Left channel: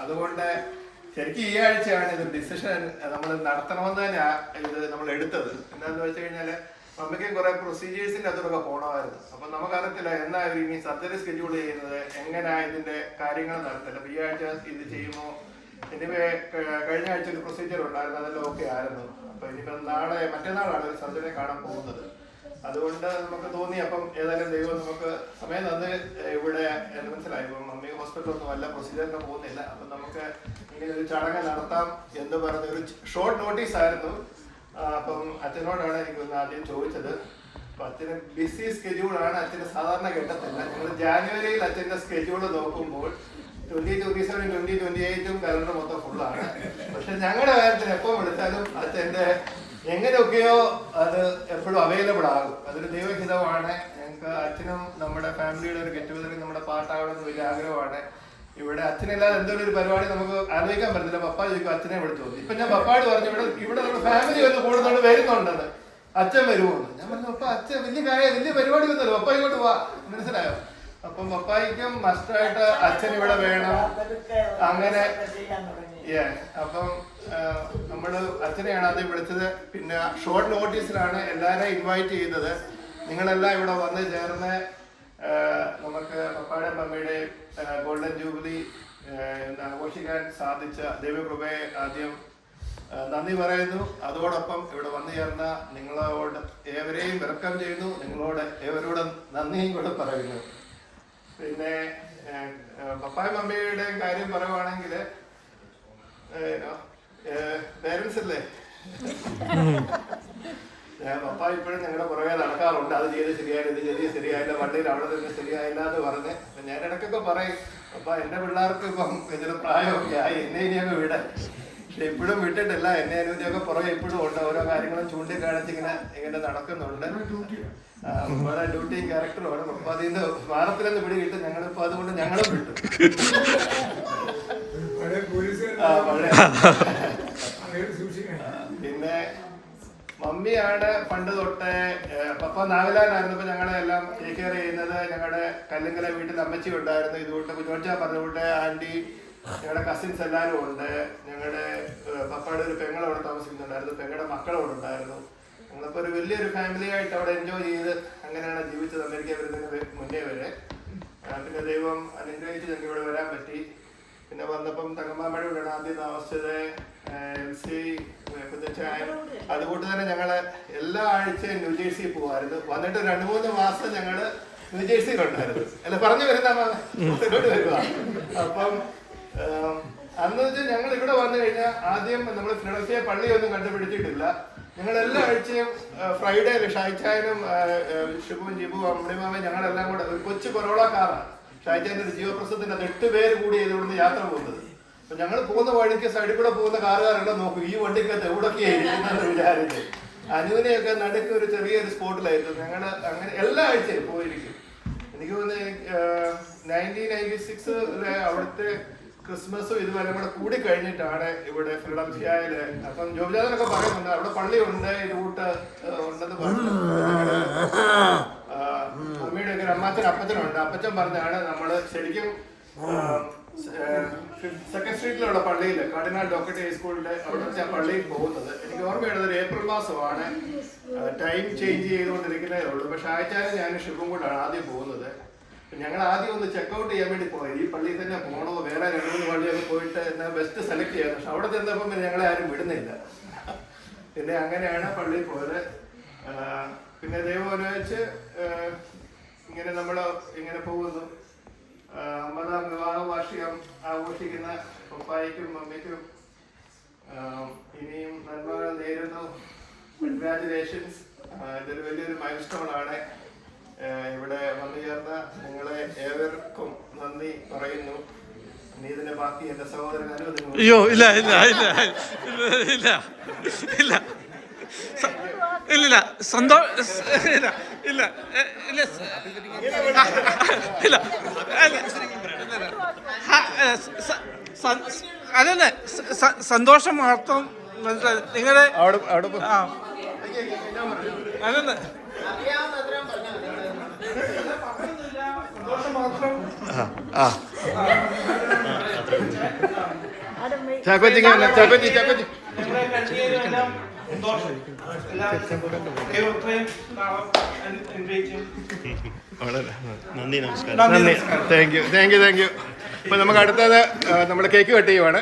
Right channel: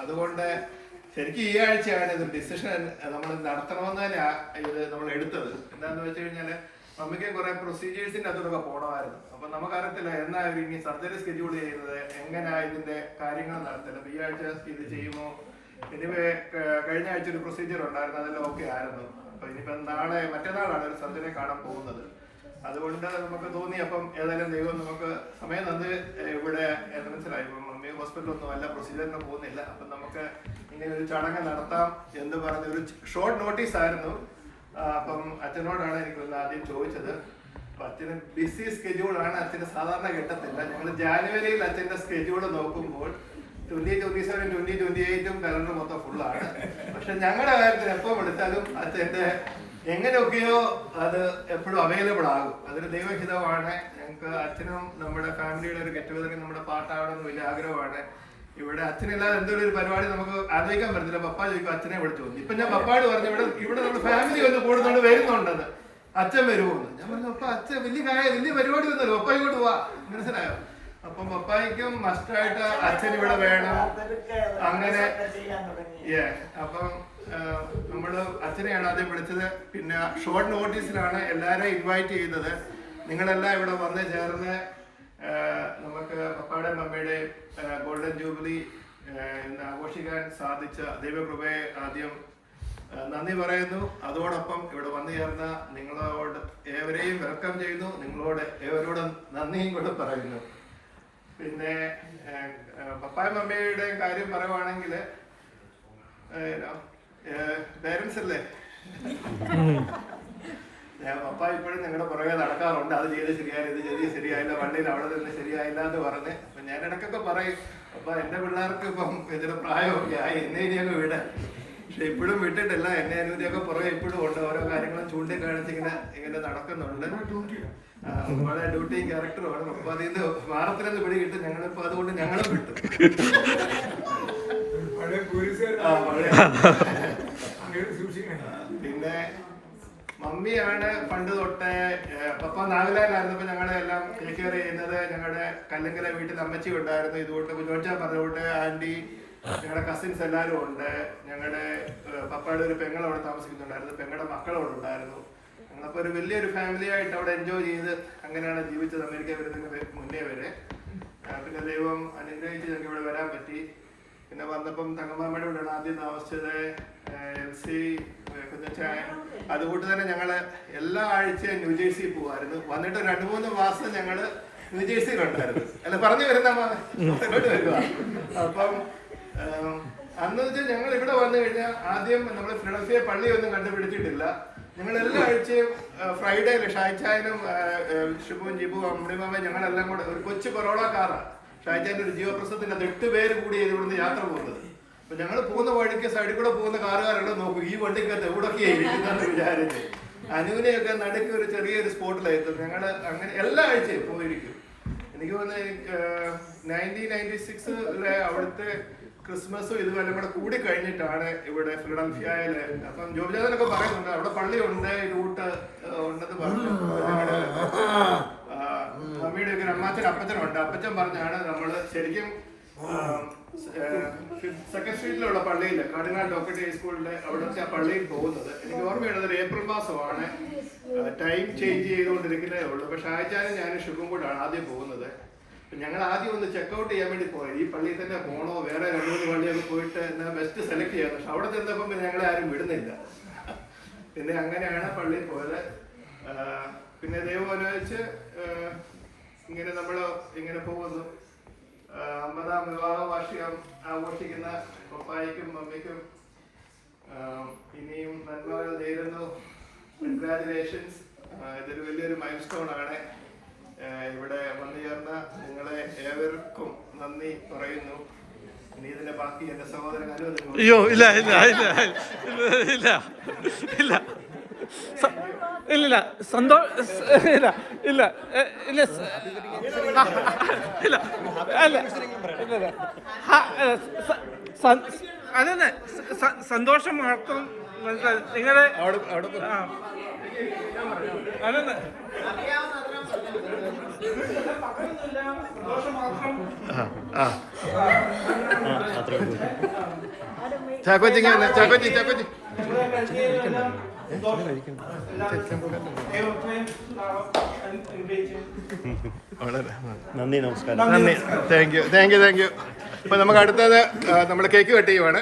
അതുകൊണ്ട് ശരിക്കും ഈ ആഴ്ചയാണ് ഇത് ഡിസിഷൻ നമ്മൾ നടത്തണമെന്ന് തന്നെ ഇത് നമ്മൾ എടുത്തത്. എന്താണെന്ന് വെച്ച് കഴിഞ്ഞാൽ നമുക്ക് കുറെ പ്രൊസീജിയേഴ്സിന്റെ അതിലൊക്കെ പോകണമായിരുന്നു. അപ്പൊ നമുക്കറിയത്തില്ല എന്നാ ഇനി സർജറി സ്കെഡ്യൂൾ ചെയ്യുന്നത്, എങ്ങനെയാ ഇതിന്റെ കാര്യങ്ങൾ നടത്തില്ല. അപ്പൊ ഈ ആഴ്ച ഇത് ചെയ്യുമോ? ഇനിവേ കഴിഞ്ഞ ആഴ്ച ഒരു പ്രൊസീജിയർ ഉണ്ടായിരുന്നു, അതെല്ലാം ഓക്കെ ആയിരുന്നു. അപ്പൊ ഇനിയിപ്പോ മറ്റന്നാളാണ് ഒരു സർജറി കാണാൻ പോകുന്നത്. അതുകൊണ്ട് നമുക്ക് തോന്നി അപ്പം ഏതായാലും ദൈവം നമുക്ക് സമയം തന്ന് ഇവിടെ മനസ്സിലായി. ഇപ്പം മമ്മി ഹോസ്പിറ്റലൊന്നും അല്ല, പ്രൊസീജിയറിന് പോകുന്നില്ല. അപ്പം നമുക്ക് ഇങ്ങനെ ഒരു ചടങ്ങ് നടത്താം എന്ന് പറഞ്ഞ ഒരു ഷോർട്ട് നോട്ടീസ് ആയിരുന്നു. അപ്പം അച്ഛനോടാണ് എനിക്കൊന്ന് ആദ്യം ചോദിച്ചത്. അപ്പൊ അച്ഛന് ബിസി സ്കെഡ്യൂളാണ്, അച്ഛന് സാധാരണ കിട്ടത്തില്ല. ഞങ്ങൾ ജാനുവരിയിൽ അച്ഛന്റെ സ്കെഡ്യൂൾ നോക്കുമ്പോൾ 2027, 2028 കലണ്ടർ മൊത്തം ഫുള്ളാണ്. പക്ഷെ ഞങ്ങളുടെ കാര്യത്തിൽ എപ്പോൾ വിളിച്ചാലും അച്ഛൻ്റെ എങ്ങനെയൊക്കെയോ അത് എപ്പോഴും അവൈലബിൾ ആകും. അതൊരു ദൈവഹിതമാണ്. ഞങ്ങൾക്ക് അച്ഛനും നമ്മുടെ ഫാമിലിയുടെ ഒരു ഗെറ്റ് ടുഗദറിൽ നമ്മുടെ പാർട്ടാകണമെന്ന് വലിയ ആഗ്രഹമാണ്. ഇവിടെ അച്ഛനില്ലാതെ എന്തൊരു ഒരു പരിപാടി നമുക്ക് ആലോചിക്കാൻ പറ്റില്ല. പപ്പ ചോദിക്കും അച്ഛനെ വിളിച്ചു പോകും. ഇപ്പൊ ഞാൻ പപ്പാട് പറഞ്ഞു ഇവിടെ നമ്മുടെ ഫാമിലി വന്ന് കൂടുന്നാൾ വരുന്നുണ്ടെന്ന്, അച്ഛൻ വരുമെന്ന്. ഞാൻ പറഞ്ഞു അപ്പൊ അച്ഛൻ വലിയ പരിപാടി വന്നല്ലോ, പപ്പ ഇങ്ങോട്ട് പോവാ, മനസ്സിലായോ? അപ്പം പപ്പായിക്കും മസ്റ്റായിട്ട് അച്ഛൻ ഇവിടെ വേണം. അങ്ങനെ അപ്പം നമ്മള് അച്ഛനെയാണ് ആദ്യം വിളിച്ചത്. പിന്നെ ഷോർട്ട് നോട്ടീസിലാണ് എല്ലാവരെയും ഇൻവൈറ്റ് ചെയ്തത്. നിങ്ങളെല്ലാം ഇവിടെ വന്ന് ചേർന്ന് നമുക്ക് പപ്പായുടെയും മമ്മിയുടെയും ഗോൾഡൻ ജൂബിലി ആഘോഷിക്കാൻ സാധിച്ച ദൈവകൃപയെ ആദ്യം നന്ദി പറയുന്നു. അതോടൊപ്പം ഇവിടെ വന്നു ചേർന്ന നിങ്ങളോട് ഏവരെയും വെൽക്കം ചെയ്യുന്നു. നിങ്ങളോട് ഏവരോടും നന്ദിയും കൂടെ പറയുന്നു. പിന്നെ പപ്പായ മമ്മിയുടെ കാര്യം പറയുവാണെങ്കിൽ പേരൻസ് അല്ലേ, പപ്പ ഇപ്പോഴും ഞങ്ങളുടെ പുറകെ നടക്കാറുണ്ട്. അത് ചെയ്ത് ശരിയായില്ല, ഇത് ചെയ്ത് ശരിയായില്ല, വണ്ടിയിൽ അവിടെ നിന്ന് ശരിയായില്ല എന്ന് പറഞ്ഞ്. അപ്പൊ ഞാൻ ഇടയ്ക്കൊക്കെ പറയും അപ്പൊ എന്റെ പിള്ളേർക്ക് ഇപ്പം ഇതിന് പ്രായമൊക്കെ ആയി, എന്നെ ഇനിയൊക്കെ വിടാൻ. പക്ഷെ ഇപ്പോഴും വിട്ടിട്ടില്ല. എന്നെ അനുമതിയൊക്കെ പുറകെ ഇപ്പോഴും ഉണ്ട്. ഓരോ കാര്യങ്ങളും ചൂണ്ടിക്കാണിച്ച് ഇങ്ങനെ നടക്കുന്നുണ്ട്. ഓരോ ഡ്യൂട്ടിയും ക്യാരക്ടറുമാണ്. അപ്പൊ അതിന് വാരത്തിലെന്ന് പിടി കിട്ടും. ഞങ്ങളിപ്പോ അതുകൊണ്ട് ഞങ്ങളും വിട്ടു. പിന്നെ മമ്മിയാണ് പണ്ട് തൊട്ടേ, പപ്പ നാഗലാൻഡായിരുന്നപ്പോ ഞങ്ങളെ എല്ലാം ടേക്ക് കെയർ ചെയ്യുന്നത്. ഞങ്ങളുടെ കല്ലുങ്കല വീട്ടിൽ അമ്മച്ചി ഉണ്ടായിരുന്നു. ഇതുകൊണ്ട് കുഞ്ഞോച്ചാ പറഞ്ഞുകൊണ്ട് ആന്റി, ഞങ്ങളുടെ കസിൻസ് എല്ലാവരും ഉണ്ട്. ഞങ്ങളുടെ പപ്പയുടെ ഒരു പെങ്ങൾ അവിടെ താമസിക്കുന്നുണ്ടായിരുന്നു, പെങ്ങളുടെ മക്കളവിടെ ഉണ്ടായിരുന്നു. ഞങ്ങളിപ്പോ ഒരു വലിയൊരു ഫാമിലി ആയിട്ട് അവിടെ എൻജോയ് ചെയ്ത് അങ്ങനെയാണ് ജീവിച്ചത് അമേരിക്ക വരുന്നതിന് മുന്നേ വരെ. പിന്നെ ദൈവം അനുഗ്രഹിച്ച് ഞങ്ങൾക്ക് ഇവിടെ വരാൻ പറ്റി. പിന്നെ വന്നപ്പം തങ്കമ്മാമ്മയുടെ കൂടെയാണ് ആദ്യം താമസിച്ചത്. കുഞ്ഞച്ചായൻ. അതുകൊണ്ട് തന്നെ ഞങ്ങള് എല്ലാ ആഴ്ചയും ന്യൂജേഴ്സി പോകുമായിരുന്നു. വന്നിട്ട് 2-3 മാസം ഞങ്ങള് ന്യൂജേഴ്സിയിലുണ്ടായിരുന്നു. അല്ല പറഞ്ഞു വരുന്ന ഇങ്ങോട്ട് വരുക. അപ്പം അന്ന് വെച്ചാൽ ഞങ്ങൾ ഇവിടെ വന്നു കഴിഞ്ഞാൽ ആദ്യം നമ്മൾ ഫിലഡൽഫിയ പള്ളിയൊന്നും കണ്ടുപിടിച്ചിട്ടില്ല. ഞങ്ങൾ എല്ലാ ആഴ്ചയും ഫ്രൈഡേ ഷായ്ച്ചായനും ഷിബുവും ജിബുവും അമ്മിമാമയും ഞങ്ങളെല്ലാം കൂടെ ഒരു കൊച്ചു കൊറോള കാറാണ്. ഷായ്ച്ചാൻ്റെ ഒരു ജീവപ്രസവത്തിന്റെ 8 പേര് കൂടി ഇതുകൊണ്ട് യാത്ര പോകുന്നത്. അപ്പൊ ഞങ്ങൾ പോകുന്ന വഴിക്ക് സൈഡിൽ കൂടെ പോകുന്ന കാറുകാരെല്ലാം നോക്കും ഈ വണ്ടിക്കകത്ത് എവിടൊക്കെയാണ് ഇരിക്കുന്നതെന്ന് വിചാരിച്ച്. അനുവിനെയൊക്കെ നടുക്ക് ഒരു ചെറിയൊരു സ്പോട്ടിലായിരുന്നു. ഞങ്ങൾ അങ്ങനെ എല്ലാ ആഴ്ചയും പോയിരിക്കും. എനിക്ക് തോന്നുന്നു 1996 അവിടുത്തെ ക്രിസ്മസും ഇതുവരെ കൂടെ കൂടി കഴിഞ്ഞിട്ടാണ് ഇവിടെ ഫിലഡൽഫിയയില്. അപ്പം ജോബിജാനൊക്കെ പറയുന്നുണ്ട് അവിടെ പള്ളിയുണ്ട്, ഈ റൂട്ട് ഉണ്ടെന്ന് പറഞ്ഞു. മമ്മിയുടെ ഒക്കെ അമ്മാച്ചൻ അപ്പച്ചനുണ്ട്. അപ്പച്ചൻ പറഞ്ഞാണ് നമ്മള് ശരിക്കും സെക്കൻഡ് സ്ട്രീറ്റിലുള്ള പള്ളിയില് കാർഡിനൽ ഡോക്ടർ സ്കൂളിന്റെ അവിടുത്തെ പള്ളിയിൽ പോകുന്നത്. എനിക്ക് ഓർമ്മയുള്ളത് ഒരു ഏപ്രിൽ മാസമാണ്. ടൈം ചേഞ്ച് ചെയ്തുകൊണ്ടിരിക്കുന്നതേ ഉള്ളൂ. പക്ഷെ ആഴ്ചയാലും ഞാൻ ഷിബും കൂടാണ് ആദ്യം പോകുന്നത്. ഞങ്ങൾ ആദ്യം ഒന്ന് ചെക്കൗട്ട് ചെയ്യാൻ വേണ്ടി പോയി. ഈ പള്ളിയിൽ തന്നെ പോകണോ വേറെ 2-3 പള്ളിയൊക്കെ പോയിട്ട് എന്നാൽ ബെസ്റ്റ് സെലക്ട് ചെയ്യാം. പക്ഷെ അവിടെ ചെന്നപ്പം ഞങ്ങളെ ആരും വിടുന്നില്ല. പിന്നെ അങ്ങനെയാണ് പള്ളിയിൽ പോയത്. പിന്നെ ദൈവം അനുവദിച്ച് ഇങ്ങനെ നമ്മൾ ഇങ്ങനെ പോകുന്നു. 50ാം വിവാഹ വാർഷികം ആഘോഷിക്കുന്ന പപ്പായ്ക്കും മമ്മിക്കും ഇനിയും നന്മകൾ നേരുന്നു. കൺഗ്രാജുലേഷൻസ്. ഇതൊരു വലിയൊരു മൈൽ സ്റ്റോൺ ആണ്. ഇവിടെ വന്നു ചേർന്ന നിങ്ങളെ ഏവർക്കും നന്ദി പറയുന്നു. ഇനി ഇതിന്റെ ബാക്കി എന്റെ സഹോദരൻ അനുവദിക്കുന്നു. അയ്യോ ഇല്ല ഇല്ല ഇല്ല ഇല്ല ഇല്ല ഇല്ലില്ല ഇല്ല ഇല്ല ഇല്ല ഇല്ല അതന്നെ സന്തോഷം മാത്രം നിങ്ങളുടെ അതന്നെ ആ ചാക്കോച്ചിങ് വന്നേ. ചാക്കോച്ചി ചാക്കോച്ചി ഞങ്ങളെ കഴിഞ്ഞെല്ലാം സന്തോഷം. വളരെ നന്ദി നമസ്കാരം നന്ദി. Thank you. അപ്പൊ നമുക്ക് അടുത്തത് നമ്മുടെ കേക്ക് കട്ട് ചെയ്യുവാണ്.